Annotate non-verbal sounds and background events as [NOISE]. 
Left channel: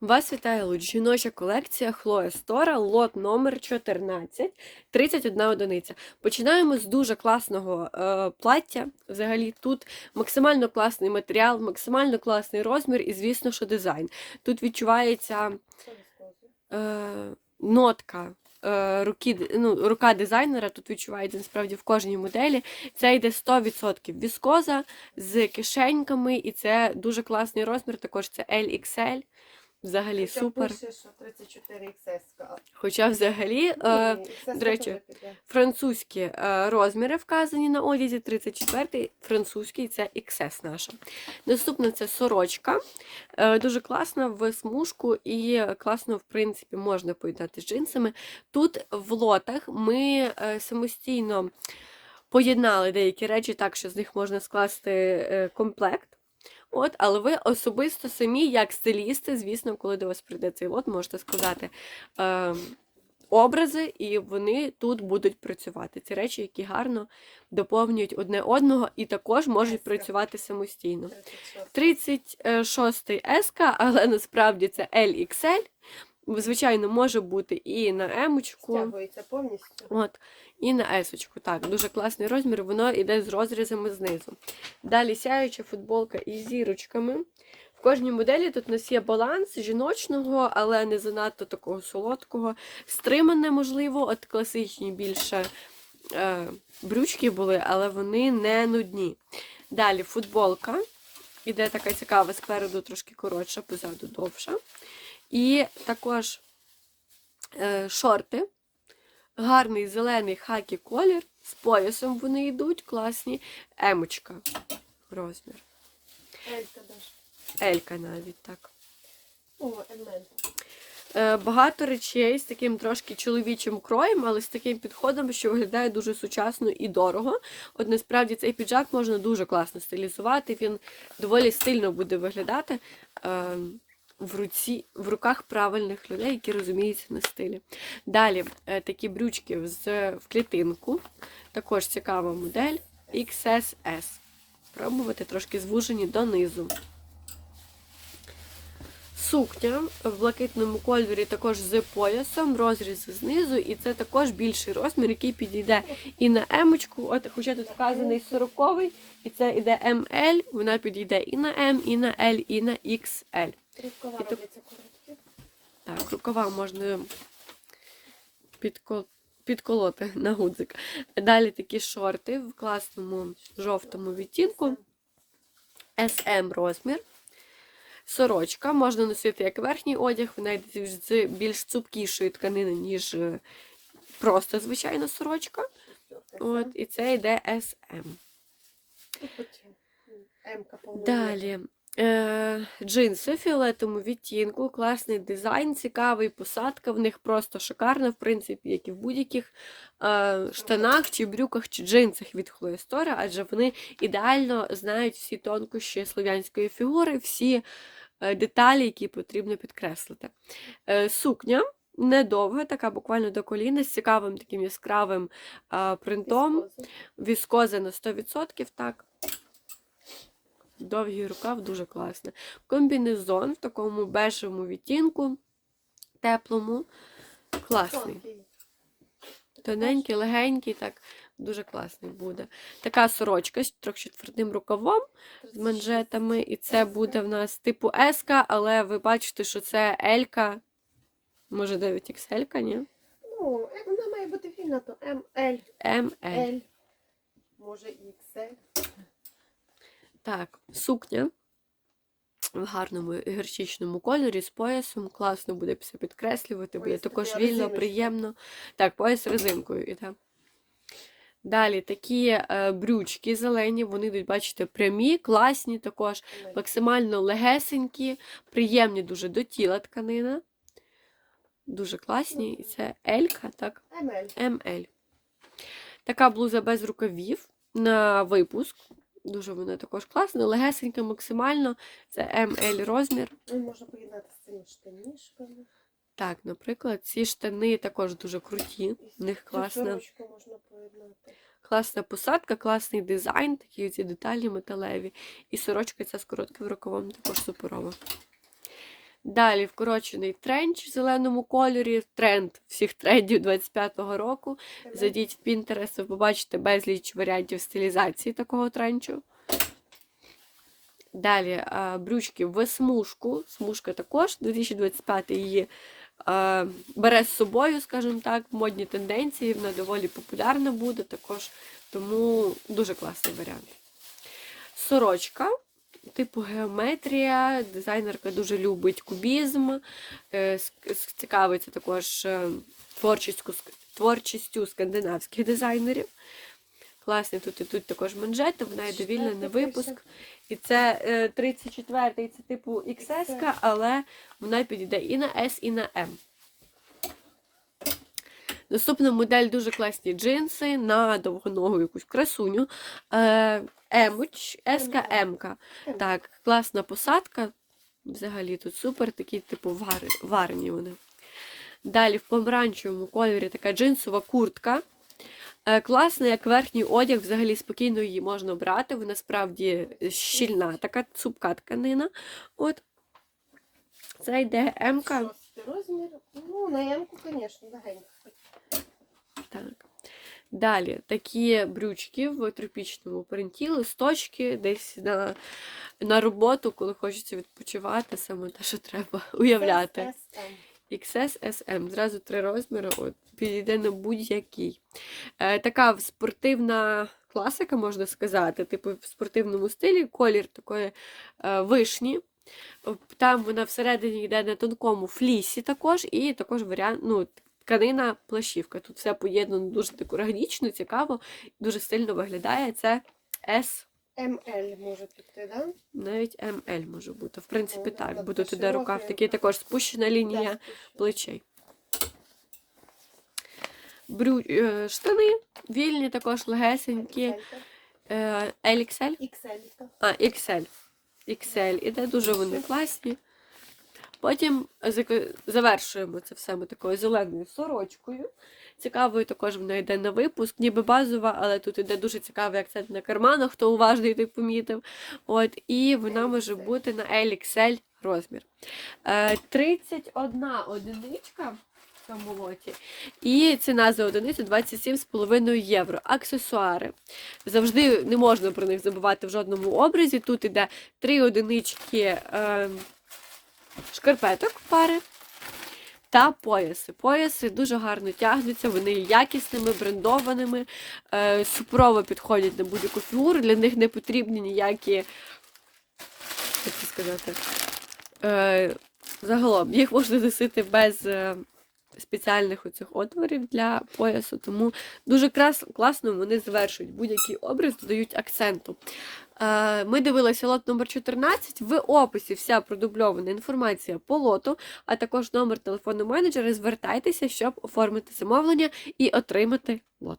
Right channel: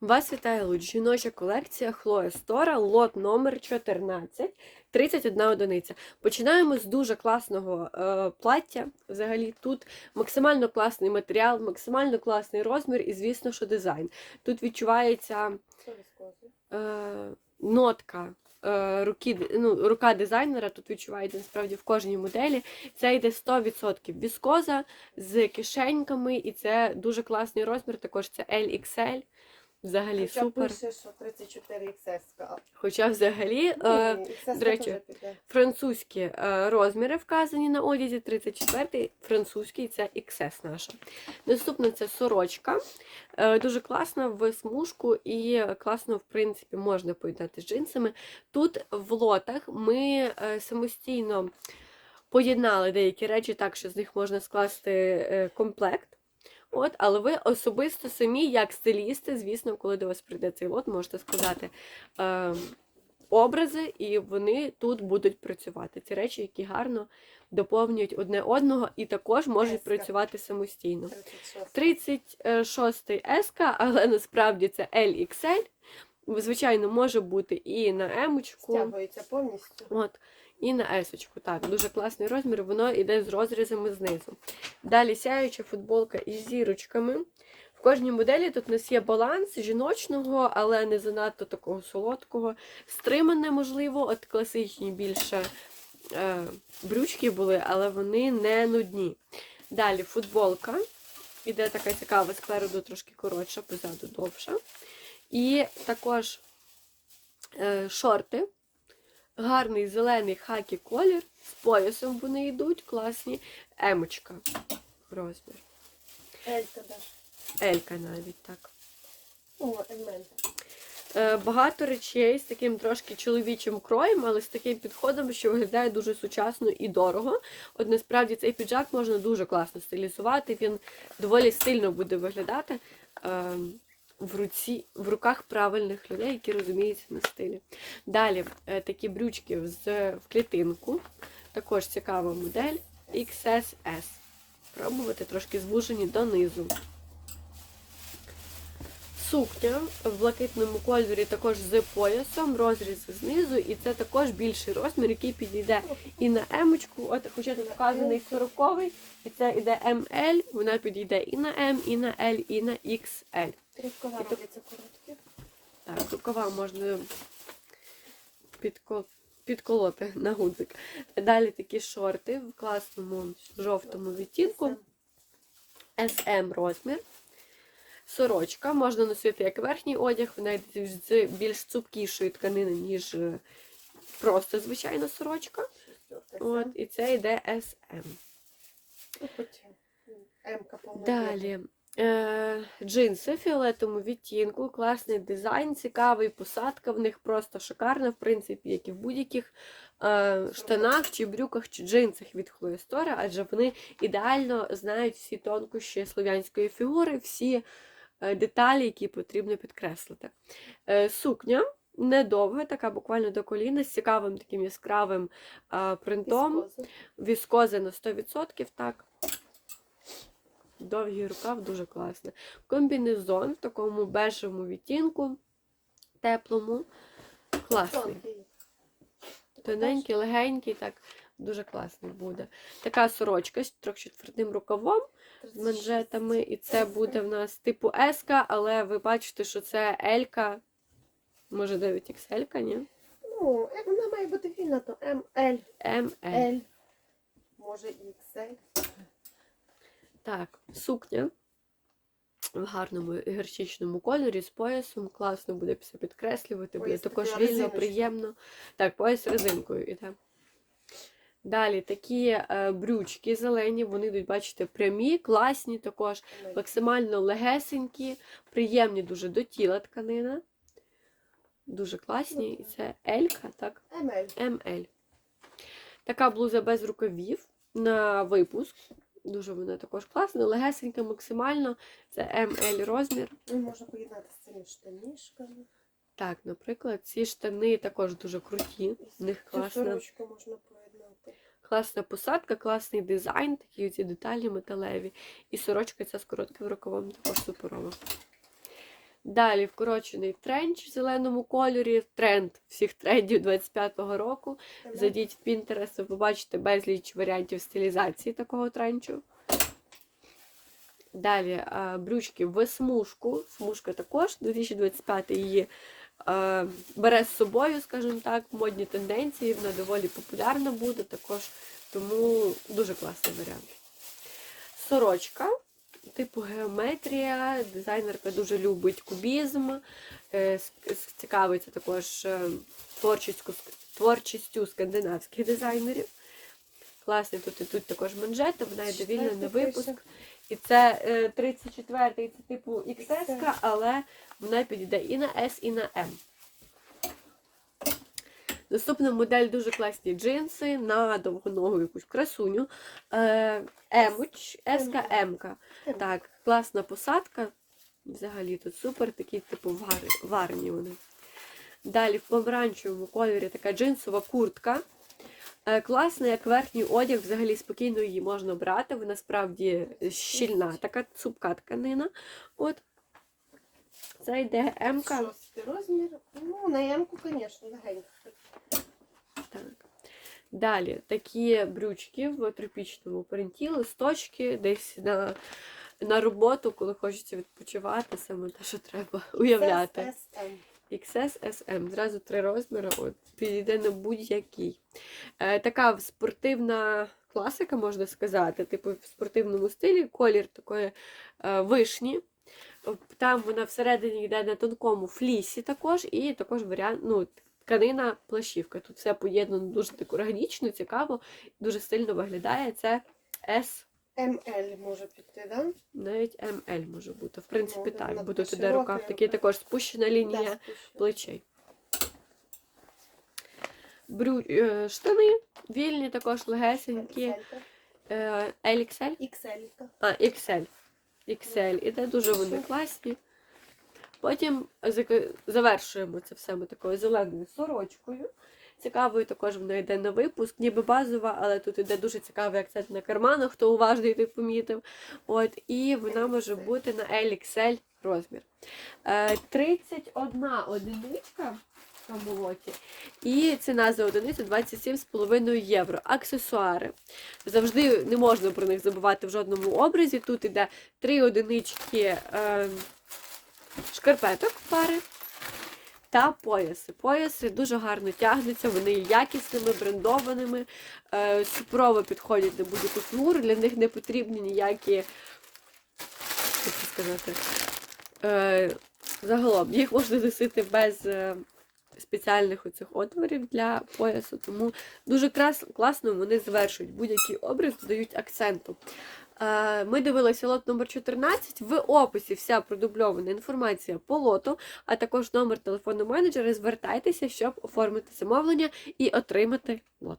Вас вітає луч. Жіноча колекція Хлоя Стора, лот номер 14, 31 одиниця. Починаємо з дуже класного е, плаття. Взагалі тут максимально класний матеріал, максимально класний розмір і, звісно, що дизайн. Тут відчувається е, нотка. е, Руки, ну, рука дизайнера тут відчувається насправді в кожній моделі. Це йде 100% віскоза з кишеньками, і це дуже класний розмір. Також це LXL. Взагалі Хоча супер. пише, що 34 XS. Хоча взагалі е, до речі, французькі е, розміри вказані на одязі, 34-й, французький це XS наша. Наступна це сорочка. Е, дуже класна в смужку і класно, в принципі, можна поєднати з джинсами. Тут в лотах ми е, самостійно поєднали деякі речі так, що з них можна скласти е, комплект. От, але ви особисто самі, як стилісти, звісно, коли до вас прийде цей лот, можете сказати е, образи, і вони тут будуть працювати. Ці речі, які гарно доповнюють одне одного, і також можуть працювати самостійно. 36. 36-й еска, але насправді це LXL. Звичайно, може бути і на емочку. Стягується повністю. От, і на есочку. Так, дуже класний розмір, воно йде з розрізами знизу. Далі сяюча футболка із зірочками. В кожній моделі тут у нас є баланс жіночного, але не занадто такого солодкого. Стримане, можливо, от класичні більше е, брючки були, але вони не нудні. Далі футболка. Іде така цікава, спереду трошки коротша, позаду довша. І також е, шорти. Гарний зелений хакі колір. З поясом вони йдуть, класні. Емочка. Розмір. Елька даже. Елька навіть так. О, Е, багато речей з таким трошки чоловічим кроєм, але з таким підходом, що виглядає дуже сучасно і дорого. От насправді цей піджак можна дуже класно стилізувати. Він доволі стильно буде виглядати е, в руці, в руках правильних людей, які розуміються на стилі. Далі е, такі брючки з в клітинку. Також цікава модель XSS. Спробувати трошки звужені донизу. Сукня в блакитному кольорі також з поясом, розрізи знизу, і це також більший розмір, який підійде і на емочку, от хоча тут вказаний 40 і це іде ML, вона підійде і на М, і на L, і на XL. Рукава робляться короткі. Так, рукава можна підко... підколоти на гудзик. Далі такі шорти в класному жовтому відтінку. SM розмір. Сорочка можна носити як верхній одяг, вона йде з більш цупкішої тканини, ніж е, просто звичайна сорочка. От, і це йде SM. Ну, Далі. Е, джинси в фіолетовому відтінку, класний дизайн, цікавий, посадка в них просто шикарна, в принципі, як і в будь-яких е, штанах, чи брюках, чи джинсах від Хлої Стора, адже вони ідеально знають всі тонкощі слов'янської фігури, всі е, деталі, які потрібно підкреслити. Е, сукня недовга, така буквально до коліна, з цікавим таким яскравим е, принтом. Віскоза на 100%, так. Довгий рукав дуже класно. Комбінезон в такому бежевому відтінку, теплому. Класний. Тоненький, легенький, так, дуже класний буде. Така сорочка з трохи твердим рукавом, з манжетами. І це буде в нас типу S, але ви бачите, що це L, може 9XL, ні? Ну, вона має бути вільна, то МЛ, ML. Може XL. Так, сукня в гарному гірчичному кольорі з поясом. Класно буде все підкреслювати, буде також вільно, приємно. Так, пояс резинкою іде. Далі такі е, брючки зелені, вони йдуть, бачите, прямі, класні також, максимально легесенькі, приємні дуже до тіла тканина. Дуже класні. І це Елька, так, Емель. МЛ. Така блуза без рукавів на випуск. Дуже воно також класна, легесенька, максимально. Це ML розмір. Ну, Можна поєднати з цими штанішками. Так, наприклад, ці штани також дуже круті. В них класна, можна поєднати. класна посадка, класний дизайн, такі ці деталі металеві. І сорочка ця з коротким рукавом також суперова. Далі вкорочений тренч в зеленому кольорі, тренд всіх трендів 25-го року. Зайдіть в Pinterest, ви побачите безліч варіантів стилізації такого тренчу. Далі е, брючки в смужку. Смужка також 2025 її е, бере з собою, скажімо так, модні тенденції. Вона доволі популярна буде також, тому дуже класний варіант. Сорочка. Типу геометрія, дизайнерка дуже любить кубізм, е, цікавиться також е, творчістю, творчістю скандинавських дизайнерів. Класні тут ідуть також манжети, вона йде вільна на випуск. І це е, 34-й, це типу XS, XS. але вона підійде і на S, і на M. Наступна модель дуже класні джинси на довгоногу якусь красуню. Е, Емуч, СКМ. Так, класна посадка. Взагалі тут супер, такі, типу, вар... варні вони. Далі в помаранчевому кольорі така джинсова куртка. Е, Класна, як верхній одяг, взагалі спокійно її можна брати. Вона справді щільна, така цупка тканина. От. Це йде М-ка. Розмір. Ну, на ямку, звісно, легенько. Так. Далі такі брючки в тропічному принті, листочки десь на, на роботу, коли хочеться відпочивати, саме те, що треба [LAUGHS] уявляти. XS, SM, зразу три розміри, от, підійде на будь-який. Е, така спортивна класика, можна сказати, типу в спортивному стилі, колір такої е, вишні. Там вона всередині йде на тонкому флісі також, і також варіант, ну, тканина плащівка. Тут все поєднано дуже так органічно, цікаво, дуже стильно виглядає. Це S, ML може піти, да? навіть ML може бути. В принципі, так, буде туди рукав, такий також спущена лінія Да, плечей. Брю... е, Штани вільні, також легесенькі. XL. Е, LXL? XL. А, XL. XL. Іде дуже вони класні. Потім завершуємо це все ми такою зеленою сорочкою. Цікавою також вона йде на випуск, ніби базова, але тут іде дуже цікавий акцент на карманах, хто уважний, той помітив. От, і вона може бути на LXL розмір. Е, 31 одиничка в цьому лоті. І ціна за одиницю 27,5 євро. Аксесуари. Завжди не можна про них забувати в жодному образі. Тут іде три одинички е, шкарпеток пари. Та пояси. Пояси дуже гарно тягнуться, вони є якісними, брендованими, е, суперово підходять на будь-яку фігуру, для них не потрібні ніякі, як сказати, е, загалом їх можна носити без е, спеціальних оцих отворів для поясу, тому дуже крас, класно вони завершують будь-який образ, додають акценту. Е, Ми дивилися лот номер 14. В описі вся продубльована інформація по лоту, а також номер телефону менеджера. Звертайтеся, щоб оформити замовлення і отримати лот.